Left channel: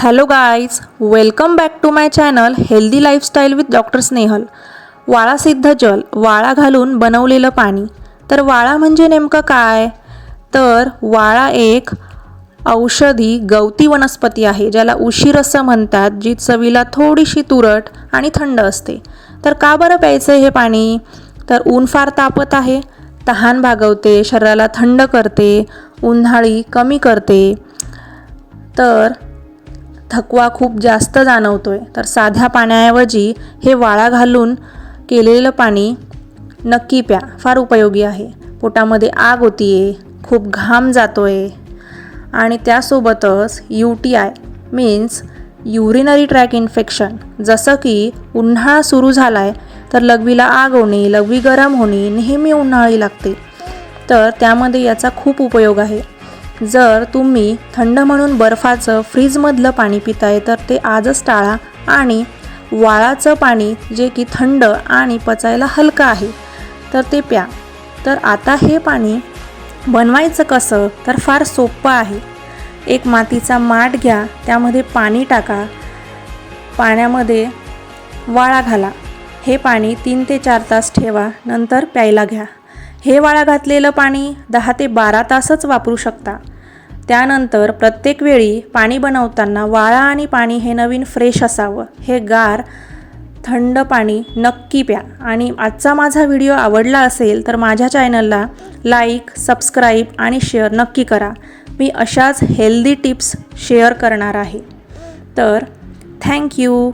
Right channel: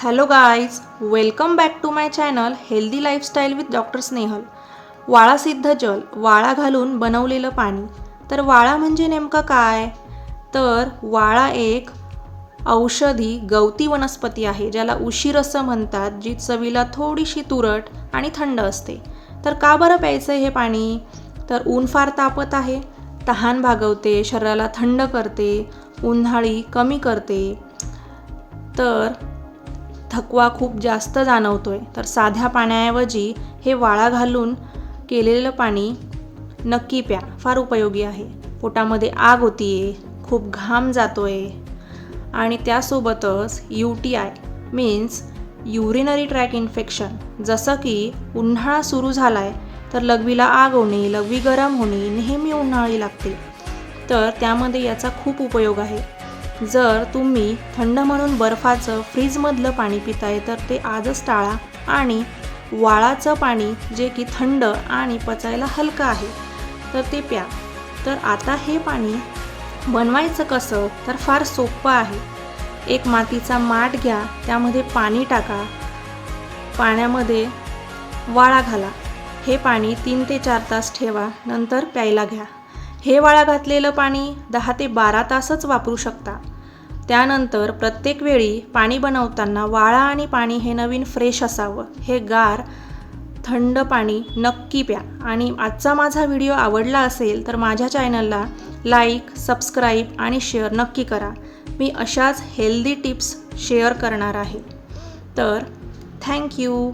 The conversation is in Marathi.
Hello guys, welcome back to my channel healthy lifestyle with doctor Snehal. वाळा सिद्ध जल, वाळा घालून बनवलेलं पाणी. तर वाळा म्हणजे नेमकं काय? तर वाळा एक औषधी गवती वनस्पती आहे, ज्याला उशीर असं म्हणतात, जी चवीला थोडीशी तुरट आणि थंड असते. तर का बरं प्यायचं हे पाणी? तर ऊन फार तापत आहे, तहान भागवते, शरीराला थंड करते, उन्हाळी कमी करते. तर थकवा खूप जास्त जाणवतोय, तर साध्या पाण्याऐवजी हे वाळा घालून केलेलं पाणी नक्की प्या. फार उपयोगी आहे. पोटामध्ये आग होतीये, खूप घाम जातोय आणि त्यासोबतच UTI means urinary track infection, जसं की उन्हाळा सुरू झालाय तर लघवीला आग होणे, लघवी गरम होणे, नेहमी उन्हाळी लागते, तर त्यामध्ये याचा खूप उपयोग आहे. जर तुम्ही थंड म्हणून बर्फाचं फ्रीजमधलं पाणी पिताय तर ते आजच टाळा आणि वाळाचं पाणी, जे की थंड आणि पचायला हलकं आहे, तर ते प्या. तर आता हे पाणी बनवायचं कसं? तर फार सोपं आहे. एक मातीचा माठ घ्या, त्यामध्ये पाणी टाका, पाण्यामध्ये वाळा घाला. हे पाणी 3 ते 4 तास ठेवा, नंतर प्यायला घ्या. हे वाळा घातलेलं पाणी 10 ते 12 तासच वापरू शकता. त्यानंतर प्रत्येक वेळी पाणी बनवताना वाळा आणि पाणी हे नवीन फ्रेश असावं. हे गार थंड पाणी नक्की प्या. आणि आजचा माझा व्हिडिओ आवडला असेल तर माझ्या चॅनलला लाईक, सबस्क्राईब आणि शेअर नक्की करा. मी अशाच हेल्दी टिप्स शेअर करणार आहे. तर थँक्यू.